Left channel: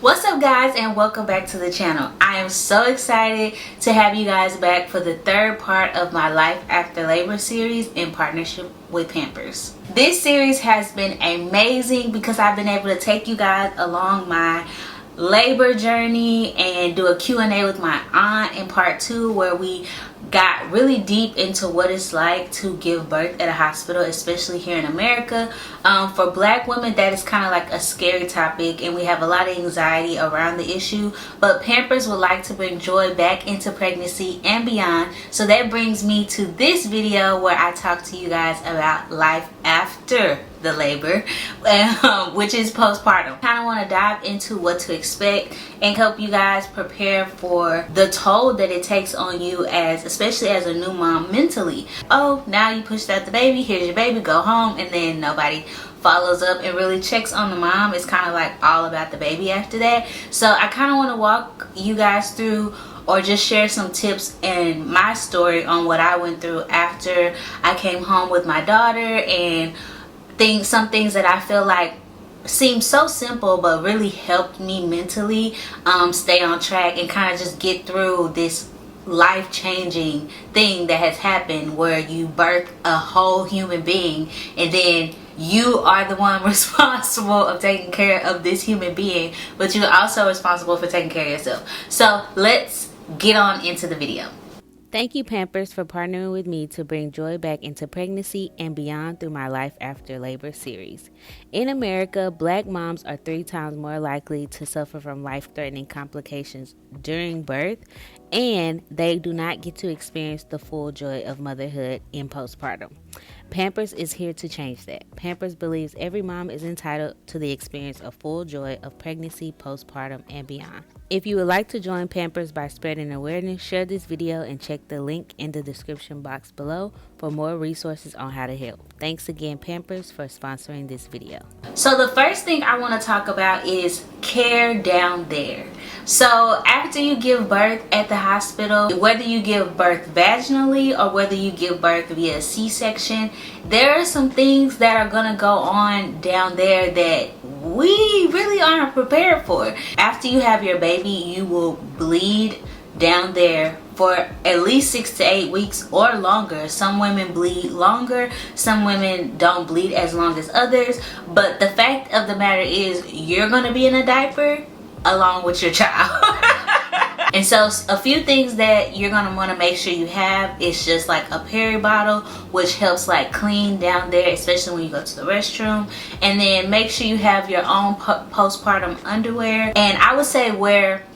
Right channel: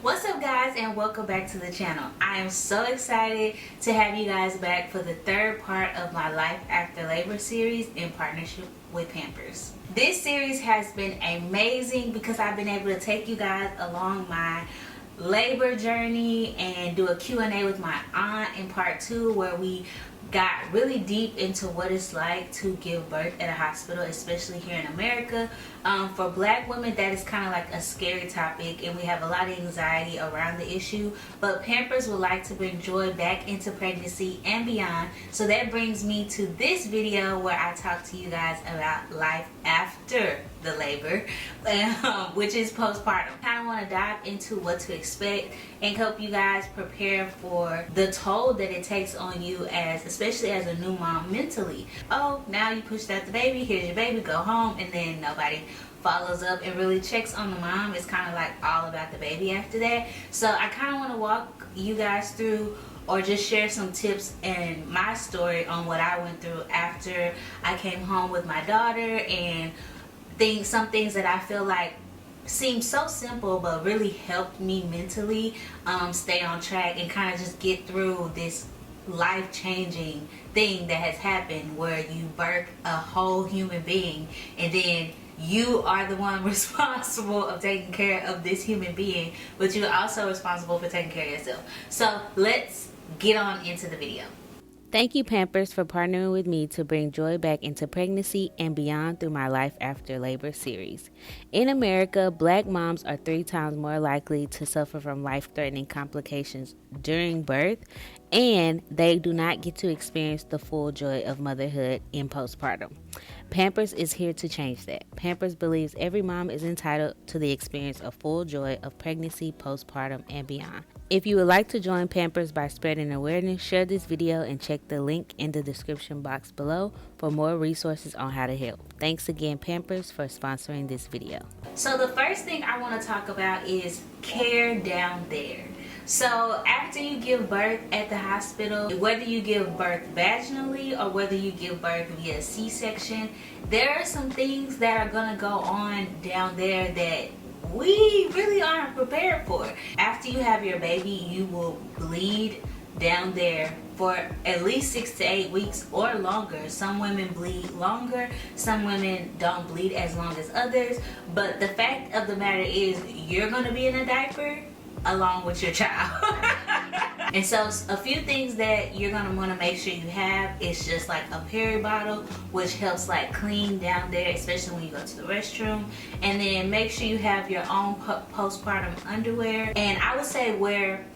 What's up guys, and welcome back to the channel. I am so excited to have you guys back for the third part of my Life After Labor series in partnership with Pampers. This series has been amazing because I've been able to take you guys along my labor journey and do a Q&A with my aunt in part 2, where we got really deep into what it's like to give birth at a hospital, especially here in America. For black women, that is kind of like a scary topic, and we have a lot of anxiety around the issue, but Pampers would like to bring joy back into pregnancy and beyond. So that brings me to this video where I talk to you guys about life after the labor, which is postpartum. Kind of want to dive into what to expect and help you guys prepare for the toll that it takes on you, especially as a new mom, mentally. Oh, now you pushed out the baby, here's your baby, go home, and then nobody follows up and really checks on the mom. It's kind of like all about the baby after that. So I kind of want to walk you guys through, or just share some tips and my story on what I went through after I came home with my daughter, and some things that I feel like seem so simple but really helped me mentally stay on track and kind of just get through this life-changing thing that has happened, where you birth a whole human being and then you are the one responsible of taking care of this human being, but you're also responsible for taking care of yourself. So let's get on into the video. Thank you, Pampers, for partnering with me to bring joy back into pregnancy and beyond through my Life After Labor series. In America, black moms are 3 times more likely to suffer from life-threatening complications during birth, and they do not get to experience the full joy of motherhood in postpartum. Pampers is here to change that. Pampers believes every mom is entitled to the experience of full joy of pregnancy, postpartum, and beyond. If you would like to join Pampers by spreading awareness, share this video and check the link in the description box below for more resources on how to help. Thanks again, Pampers, for sponsoring this video. So the first thing I want to talk about is care down there. So after you give birth at the hospital, whether you give birth vaginally or whether you give birth via C-section, there are some things that are going to go on down there that we really aren't prepared for. After you have your baby, you will bleed down there for at least 6 to 8 weeks or longer. Some women bleed longer, some women don't bleed as long as others, but the fact of the matter is you're going to be in a diaper along with your child. And so a few things that you're going to want to make sure you have is just like a peri bottle, which helps like clean down there, especially when you go to the restroom. And then make sure you have your own postpartum underwear, and I would say wear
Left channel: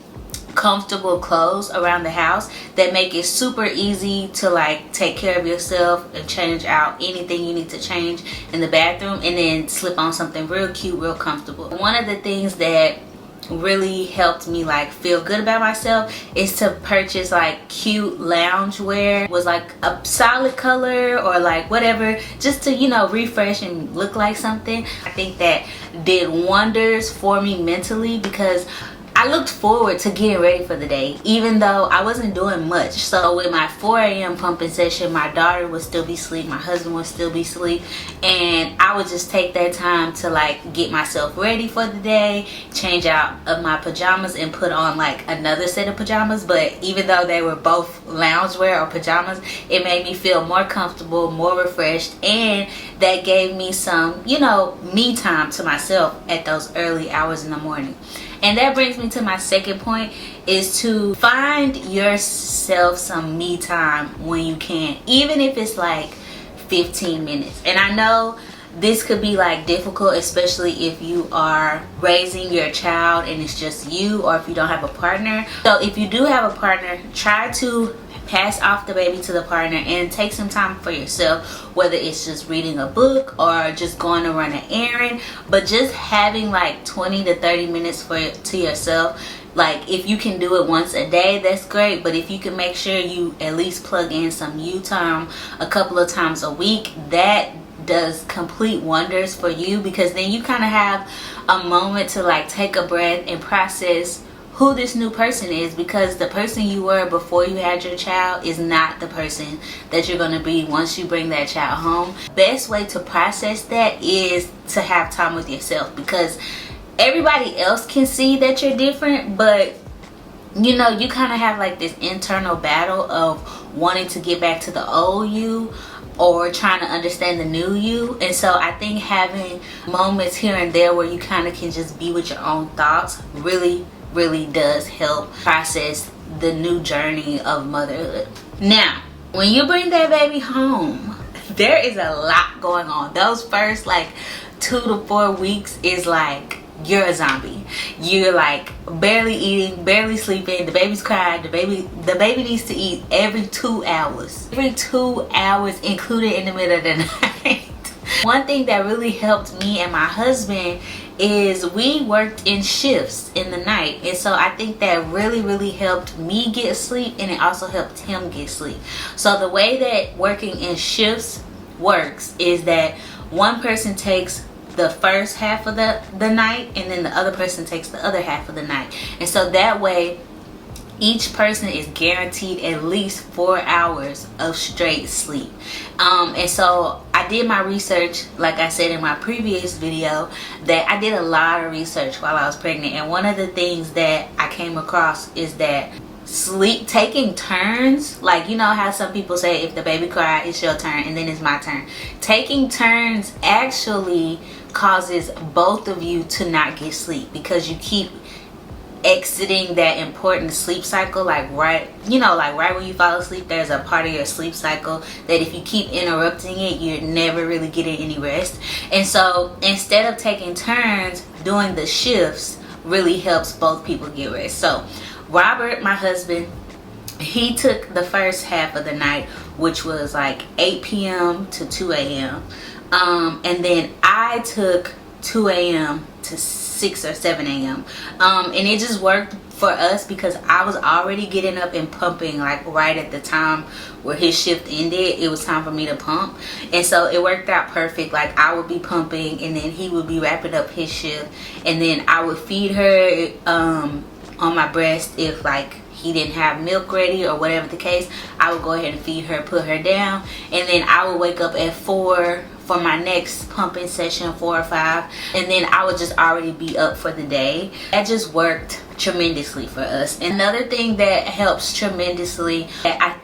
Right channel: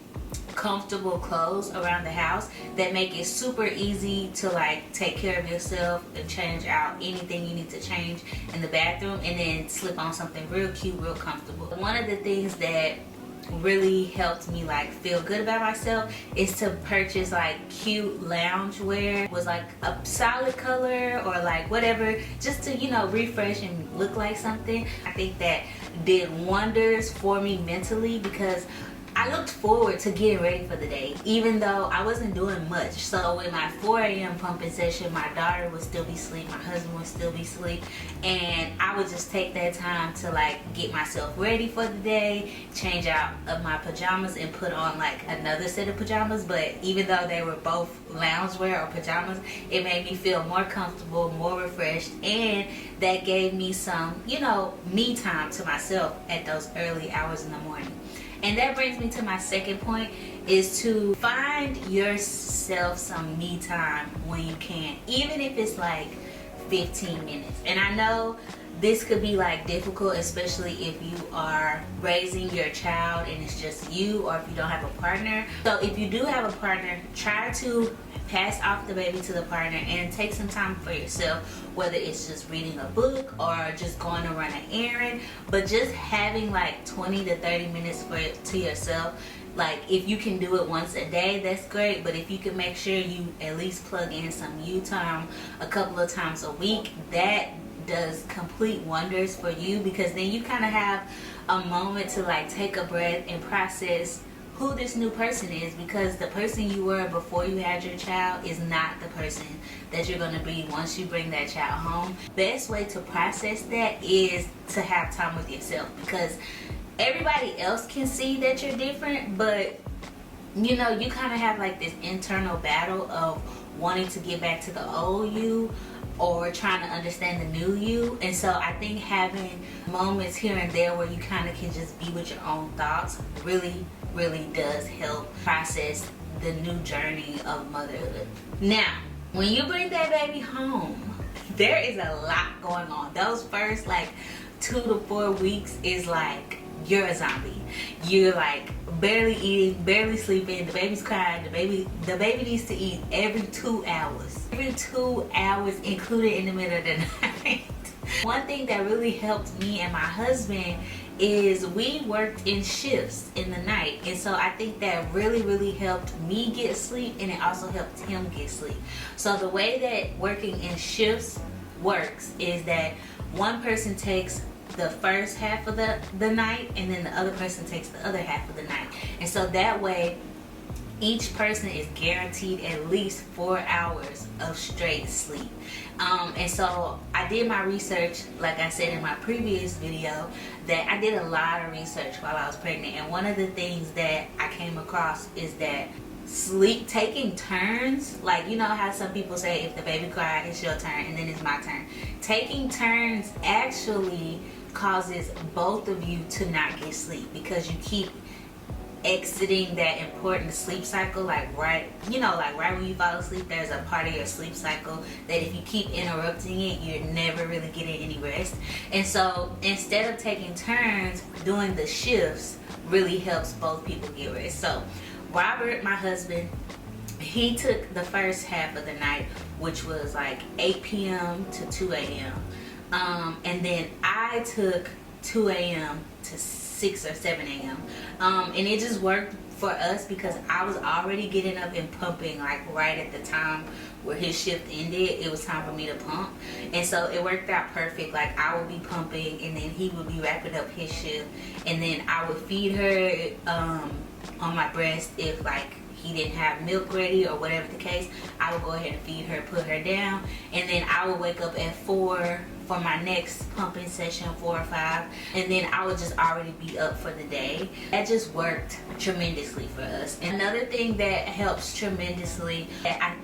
comfortable clothes around the house that make it super easy to like take care of yourself and change out anything you need to change in the bathroom, and then slip on something real cute, real comfortable. One of the things that really helped me like feel good about myself is to purchase like cute lounge wear. It was like a solid color or like whatever, just to, you know, refresh and look like something. I think that did wonders for me mentally, because I looked forward to getting ready for the day, even though I wasn't doing much. So with my 4 a.m. pumping session, my daughter would still be asleep, my husband would still be asleep, and I would just take that time to like get myself ready for the day, change out of my pajamas and put on like another set of pajamas. But even though they were both loungewear or pajamas, it made me feel more comfortable, more refreshed, and that gave me some, you know, me time to myself at those early hours in the morning. And that brings me to my second point, is to find yourself some me time when you can, even if it's like 15 minutes. And I know this could be like difficult, especially if you are raising your child and it's just you, or if you don't have a partner. So if you do have a partner, try to pass off the baby to the partner and take some time for yourself, whether it's just reading a book or just going to run an errand. But just having like 20 to 30 minutes to yourself, like if you can do it once a day, that's great. But if you can make sure you at least plug in some you time a couple of times a week, that does complete wonders for you, because then you kind of have a moment to like take a breath and process who this new person is, because the person you were before you had your child is not the person that you're going to be once you bring that child home. Best way to process that is to have time with yourself, because everybody else can see that you're different, but you know, you kind of have like this internal battle of wanting to get back to the old you or trying to understand the new you. And so I think having moments here and there where you kind of can just be with your own thoughts really does help process the new journey of motherhood. Now, when you bring that baby home, there is a lot going on. Those first like 2 to 4 weeks is like you're a zombie. You're like barely eating, barely sleeping, the baby's crying, the baby needs to eat every 2 hours. Every 2 hours, included in the middle of the night. One thing that really helped me and my husband is we worked in shifts in the night, and so I think that really helped me get sleep, and it also helped him get sleep. So the way that working in shifts works is that one person takes the first half of the night, and then the other person takes the other half of the night, and so that way each person is guaranteed at least 4 hours of straight sleep. And so I did my research, like I said in my previous video, that I did a lot of research while I was pregnant, and one of the things that I came across is that sleep, taking turns, like you know how some people say if the baby cries it's your turn and then it's my turn, taking turns actually causes both of you to not get sleep, because you keep exiting that important sleep cycle, like right when you fall asleep, there's a part of your sleep cycle that if you keep interrupting it, you're never really getting any rest. And so instead of taking turns, doing the shifts really helps both people get rest. So Robert, my husband, he took the first half of the night, which was like 8 p.m. to 2 a.m. And then I took 2 a.m. to 6 or 7 a.m. And it just worked for us because I was already getting up and pumping like right at the time where his shift ended. It was time for me to pump, and so it worked out perfect. Like I would be pumping and then he would be wrapping up his shift, and then I would feed her on my breast if like he didn't have milk ready or whatever the case. I would go ahead and feed her, put her down, and then I would wake up at 4 for my next pumping session, 4 or 5, and then I would just already be up for the day. That just worked tremendously for us. Another thing that helps tremendously, I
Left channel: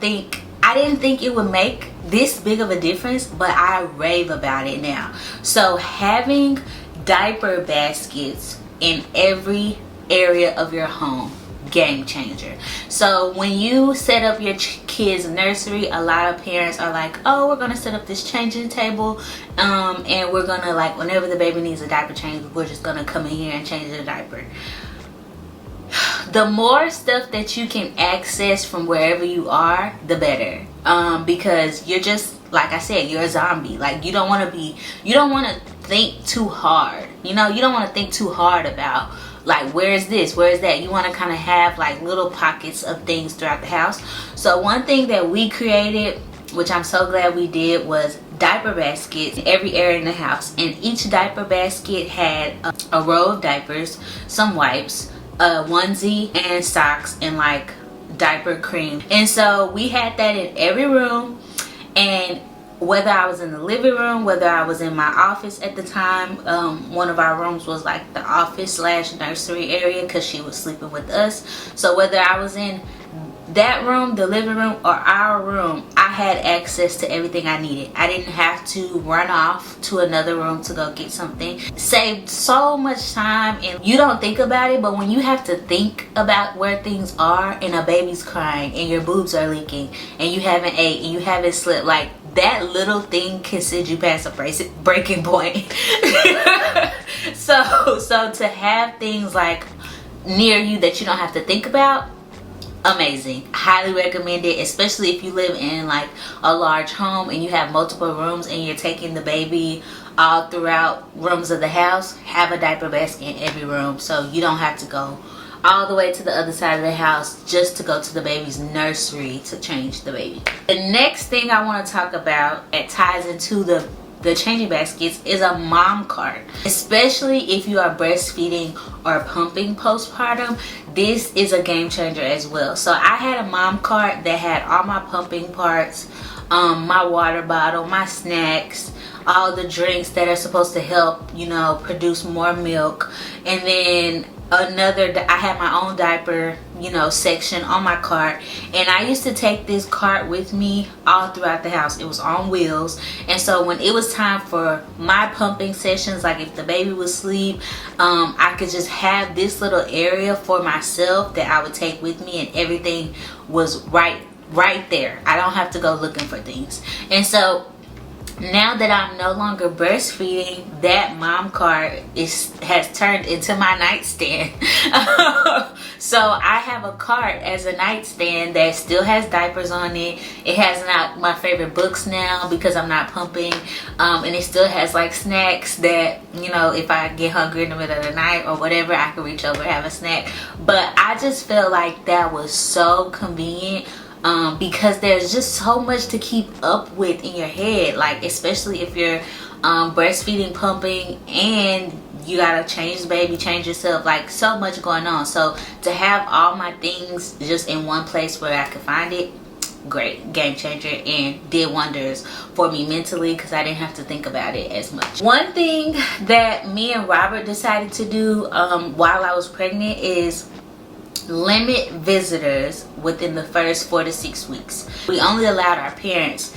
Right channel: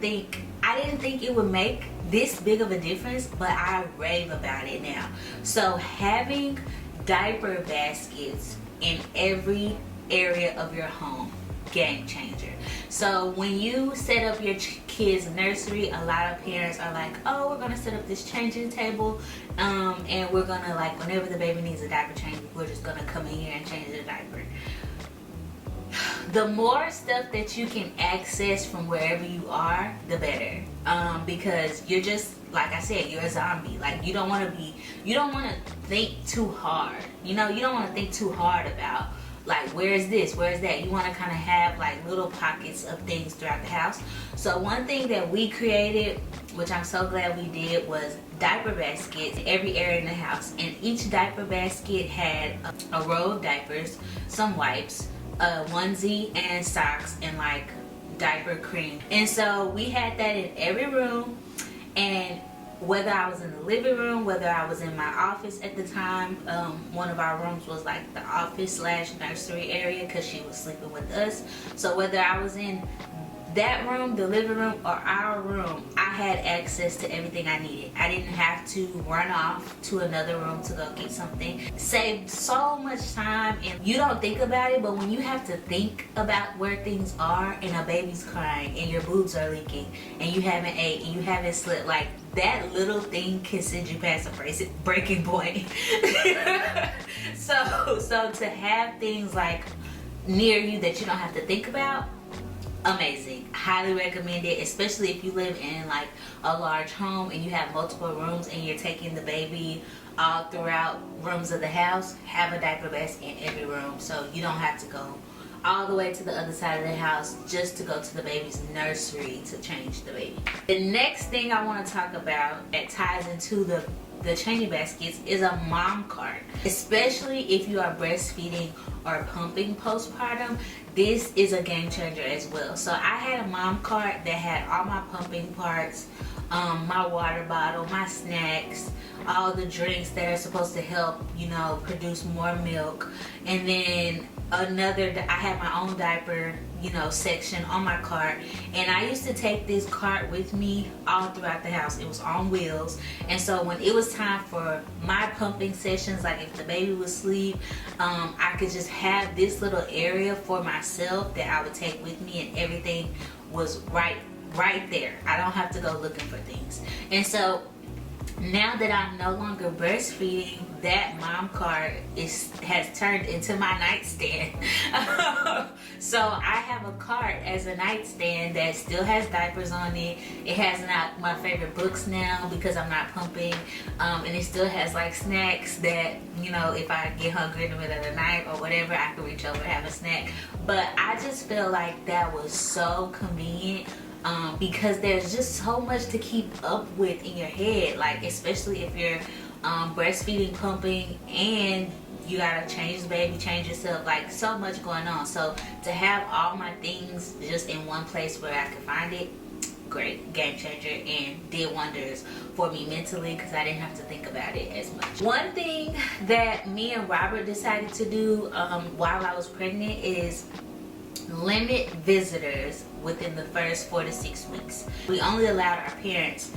didn't think it would make this big of a difference, but I rave about it now. So having diaper baskets in every area of your home, game changer. So when you set up your kids' nursery, a lot of parents are like, oh, we're gonna set up this changing table, and we're gonna, like, whenever the baby needs a diaper change, we're just gonna come in here and change the diaper. The more stuff that you can access from wherever you are, the better, because you're just, like I said, you're a zombie. Like you don't want to think too hard, you know. You don't want to think too hard about like where is this, where is that. You want to kind of have like little pockets of things throughout the house. So one thing that we created, which I'm so glad we did, was diaper baskets in every area in the house, and each diaper basket had a row of diapers, some wipes, a onesie, and socks, and like diaper cream. And so we had that in every room, and whether I was in the living room, whether I was in my office at the time, one of our rooms was like the office / nursery area because she was sleeping with us. So whether I was in that room, the living room, or our room, I had access to everything I needed. I didn't have to run off to another room to go get something. Saved so much time, and you don't think about it, but when you have to think about where things are and a baby's crying and your boobs are leaking and you haven't ate and you haven't slept, like that little thing can send you past a breaking point. so to have things like near you that you don't have to think about, amazing. Highly recommend it, especially if you live in like a large home and you have multiple rooms and you're taking the baby all throughout rooms of the house. Have a diaper basket in every room so you don't have to go all the way to the other side of the house just to go to the baby's nursery to change the baby. The next thing I want to talk about, it ties into the the changing baskets is a mom cart. Especially if you are breastfeeding or pumping postpartum, this is a game changer as well. So I had a mom cart that had all my pumping parts, my water bottle, my snacks, all the drinks that are supposed to help, you know, produce more milk. And then I had my own diaper, you know, section on my cart. And I used to take this cart with me all throughout the house. It was on wheels. And so when it was time for my pumping sessions, like if the baby was asleep, I could just have this little area for myself that I would take with me, and everything was right there. I don't have to go looking for things. And so now that I'm no longer breastfeeding, that mom cart has turned into my nightstand. So I have a cart as a nightstand that still has diapers on it. It has my favorite books now because I'm not pumping, and it still has like snacks that, you know, if I get hungry in the middle of the night or whatever, I can reach over and have a snack. But I just feel like that was so convenient. Because there's just so much to keep up with in your head, like especially if you're breastfeeding, pumping, and you gotta change the baby, change yourself, like so much going on. So to have all my things just in one place where I could find it, great, game changer, and did wonders for me mentally because I didn't have to think about it as much. One thing that me and Robert decided to do while I was pregnant is limit visitors within the first 4 to 6 weeks. We only allowed our parents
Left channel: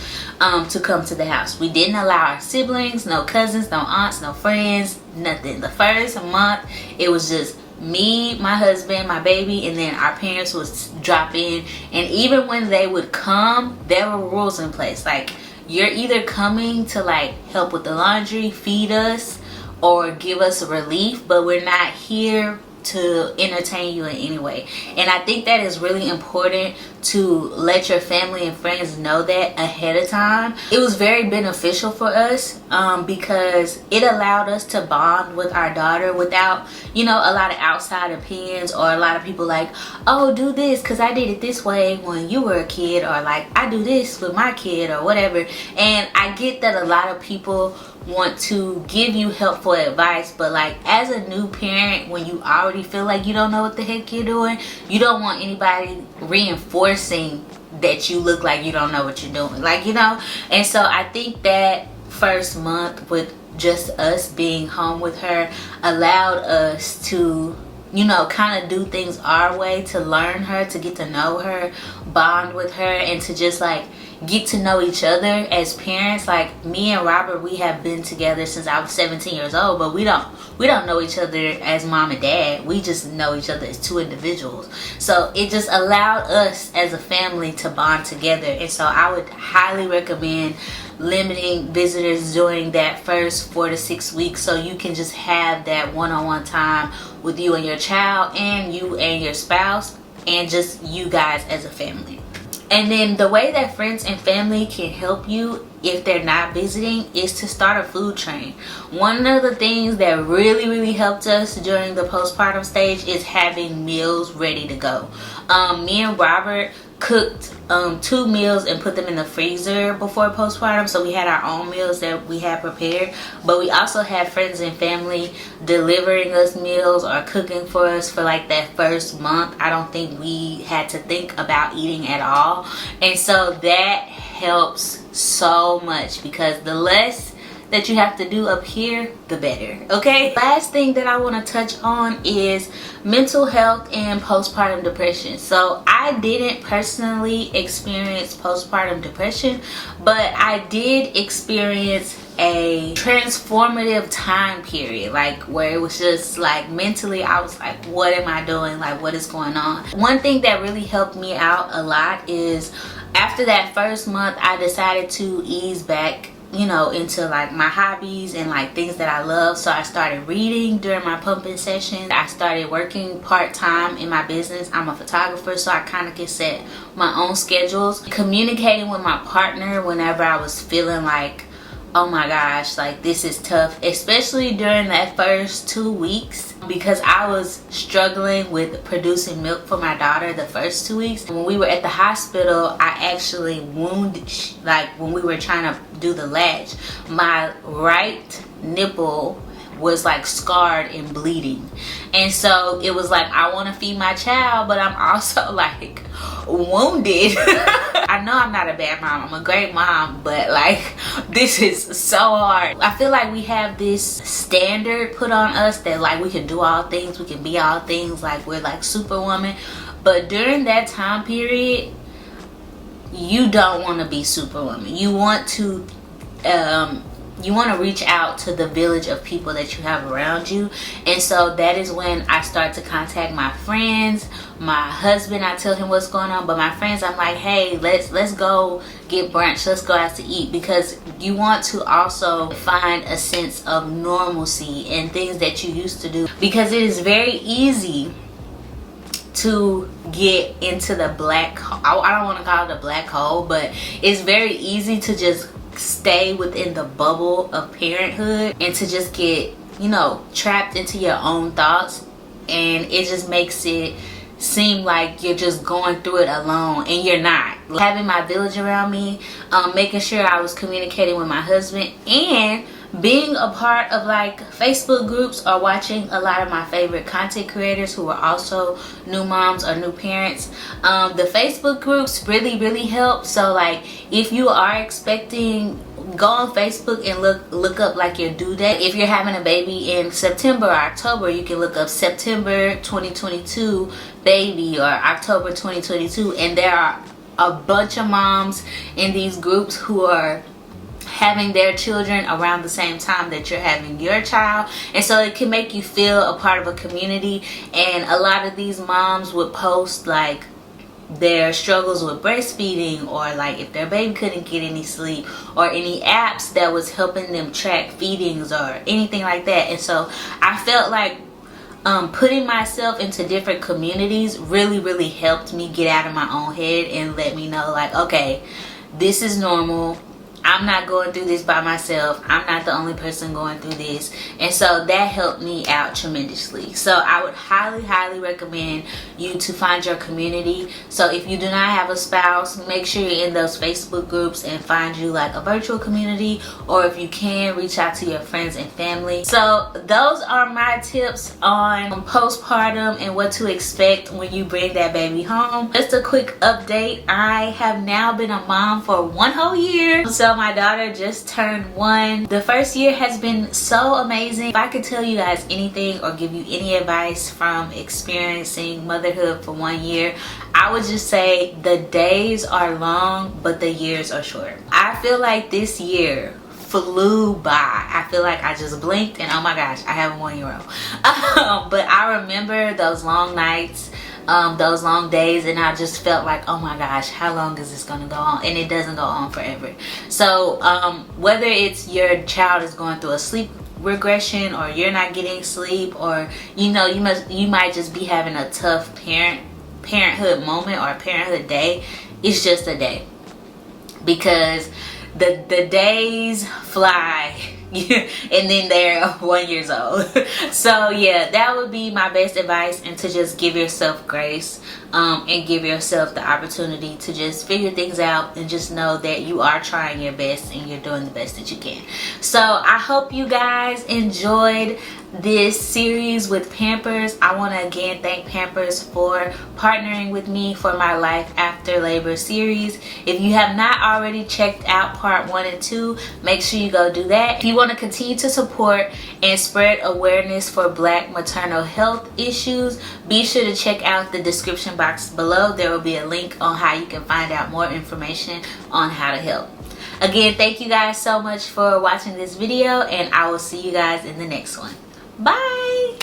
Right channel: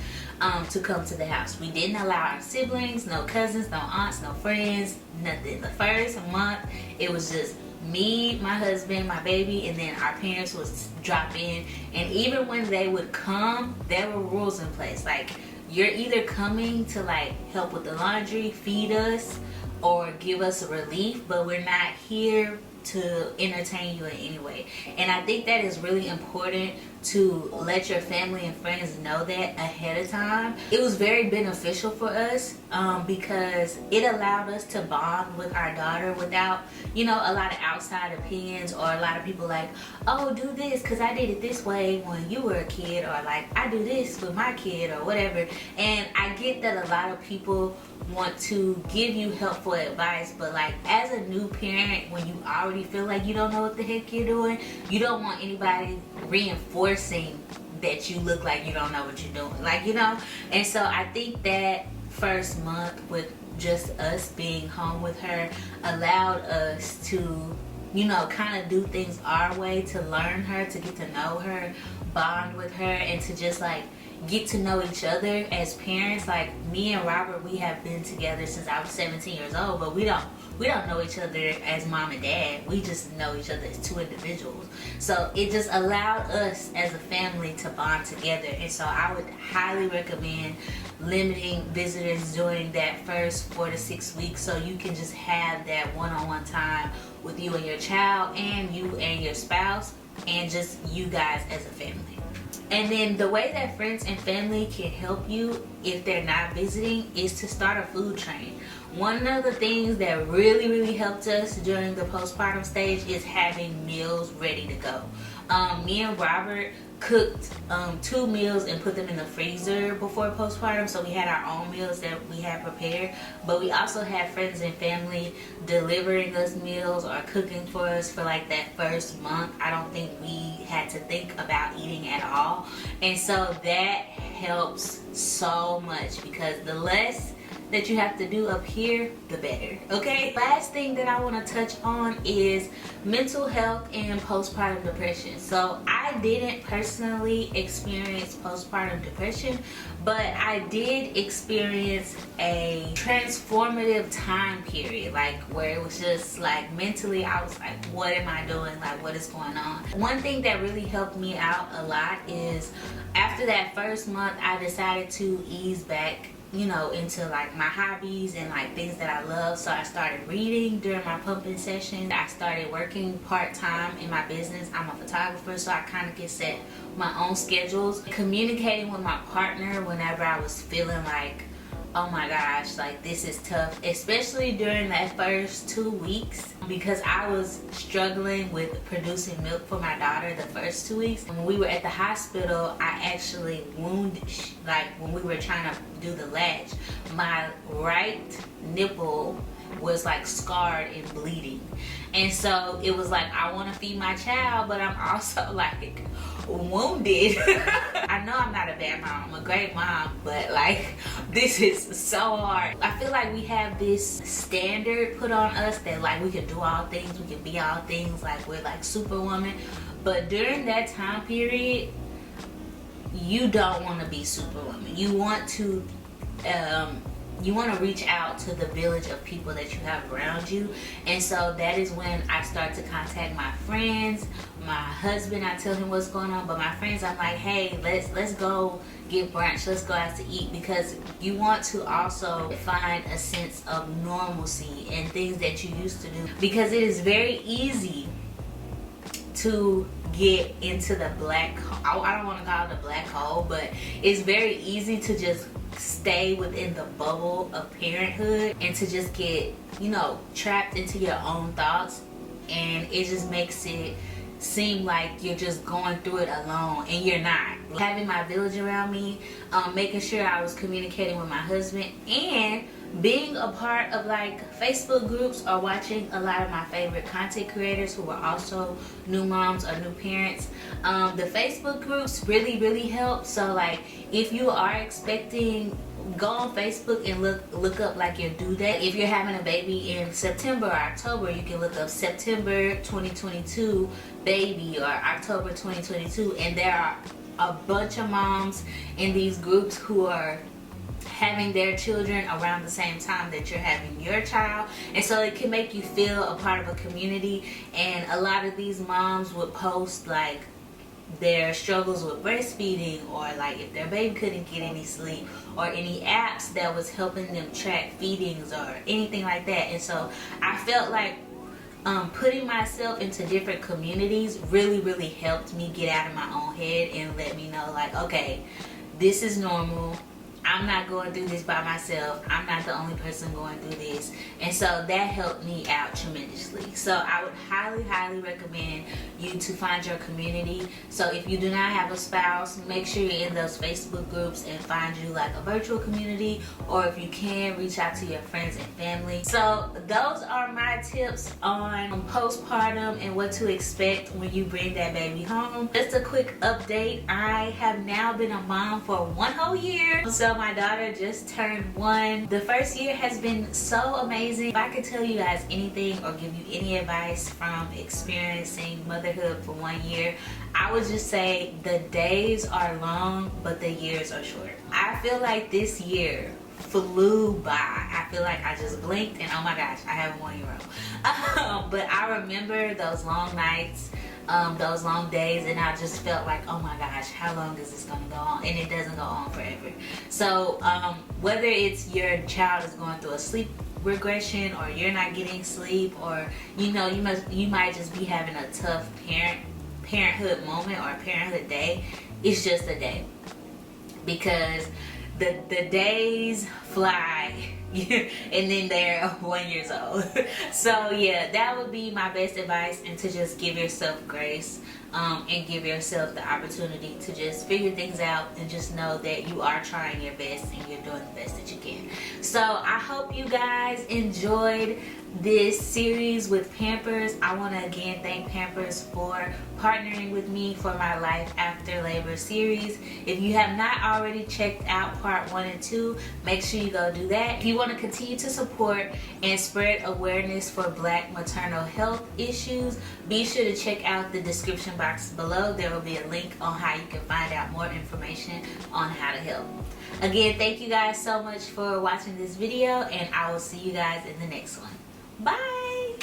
to come to the house. We didn't allow our siblings, no cousins, no aunts, no friends, nothing. The first month it was just me, my husband, my baby, and then our parents would drop in. And even when they would come, there were rules in place, like you're either coming to like help with the laundry, feed us, or give us a relief, but we're not here to entertain you in any way. And I think that is really important to let your family and friends know that ahead of time. It was very beneficial for us because it allowed us to bond with our daughter without, you know, a lot of outside opinions or a lot of people like, oh, do this because I did it this way when you were a kid, or like I do this with my kid or whatever. And I get that a lot of people want to give you helpful advice, but like as a new parent, when you already feel like you don't know what the heck you're doing, you don't want anybody reinforcing that you look like you don't know what you're doing, like, you know. And so I think that first month with just us being home with her allowed us to, you know, kind of do things our way, to learn her, to get to know her, bond with her, and to just like get to know each other as parents. Like me and Robert, we have been together since I was 17 years old, but we don't know each other as mom and dad. We just know each other as two individuals. So it just allowed us as a family to bond together. And so I would highly recommend limiting visitors during that first 4 to 6 weeks, so you can just have that one-on-one time with you and your child, and you and your spouse, and just you guys as a family. And then the way that friends and family can help you if they're not visiting is to start a food train. One of the things that really helped us during the postpartum stage is having meals ready to go. Me and Robert cooked 2 meals and put them in the freezer before postpartum, so we had our own meals that we had prepared, but we also had friends and family delivering us meals or cooking for us for like that first month. I don't think we had to think about eating at all, and so that helps so much because the less that you have to do up here, the better. Okay, last thing that I want to touch on is mental health and postpartum depression. So I didn't personally experience postpartum depression, but I did experience a transformative time period, like where it was just like mentally I was like, what am I doing, like what is going on? One thing that really helped me out a lot is after that first month I decided to ease back, you know, into like my hobbies and like things that I love. So I started reading during my pumping session. I started working part-time in my business. I'm a photographer, so I kind of can set my own schedules. Communicating with my partner whenever I was feeling like oh my gosh, like this is tough, especially during that first 2 weeks, because I was struggling with producing milk for my daughter the first 2 weeks. When we were at the hospital, I actually wounded, like when we were trying to do the latch, my right nipple was like scarred and bleeding. And so it was like, I want to feed my child, but I'm also like wounded. I know I'm not a bad mom, I'm a great mom, but like this is so hard. I feel like we have this standard put on us that like we can do all things, we can be all things, like we're like superwoman. But during that time period, you don't want to be superwoman. You want to reach out to the village of people that you have around you. And so that is when I start to contact my friends, my husband. I tell him what's going on, but my friends, I'm like, hey, let's go get brunch, let's go out to eat, because you want to also find a sense of normalcy and things that you used to do, because it is very easy to get into the black hole. I don't want to call it a black hole, but it's very easy to just stay within the bubble of parenthood and to just get, you know, trapped into your own thoughts, and it just makes it seem like you're just going through it alone, and you're not. Having my village around me, making sure I was communicating with my husband, and being a part of like Facebook groups, or watching a lot of my favorite content creators who are also new moms or new parents. The Facebook groups really help. So like if you are expecting, go on Facebook and look up like your due date. If you're having a baby in September or October, you can look up September 2022 baby or October 2022, and there are a bunch of moms in these groups who are having their children around the same time that you're having your child, and so it can make you feel a part of a community. And a lot of these moms would post like their struggles with breastfeeding, or like if their baby couldn't get any sleep, or any apps that was helping them track feedings or anything like that. And so I felt like putting myself into different communities really helped me get out of my own head and let me know like, okay, this is normal. I'm not going through this by myself. I'm not the only person going through this. And so that helped me out tremendously. So I would highly recommend you to find your community. So if you do not have a spouse, make sure you're in those Facebook groups and find you like a virtual community, or if you can, reach out to your friends and family. So those are my tips on postpartum and what to expect when you bring that baby home. Just a quick update, I have now been a mom for 1 whole year. So my daughter just turned 1. The first year has been so amazing. If I could tell you guys anything or give you any advice from experiencing motherhood for 1 year, I would just say the days are long, but the years are short. I feel like this year flew by. I feel like I just blinked and oh my gosh, I have a 1-year-old. But I remember those long nights, those long days, and I just felt like, oh my gosh, how long is this gonna go on? And it doesn't go on forever. So whether it's your child is going through a sleep regression, or you're not getting sleep, or you know, you might just be having a tough parenthood moment or parenthood day, it's just a day, because the days fly and then they're 1 year old. So yeah, that would be my best advice, and to just give yourself grace and give yourself the opportunity to just figure things out, and just know that you are trying your best and you're doing the best that you can. So I hope you guys enjoyed this series with Pampers. I want to again thank Pampers for partnering with me for my Life After Labor series. If you have not already checked out part 1 and 2, make sure you go do that. If you want to continue to support and spread awareness for Black maternal health issues, be sure to check out the description box below. There will be a link on how you can find out more information on how to help. Again, thank you guys so much for watching this video, and I will see you guys in the next one. Bye!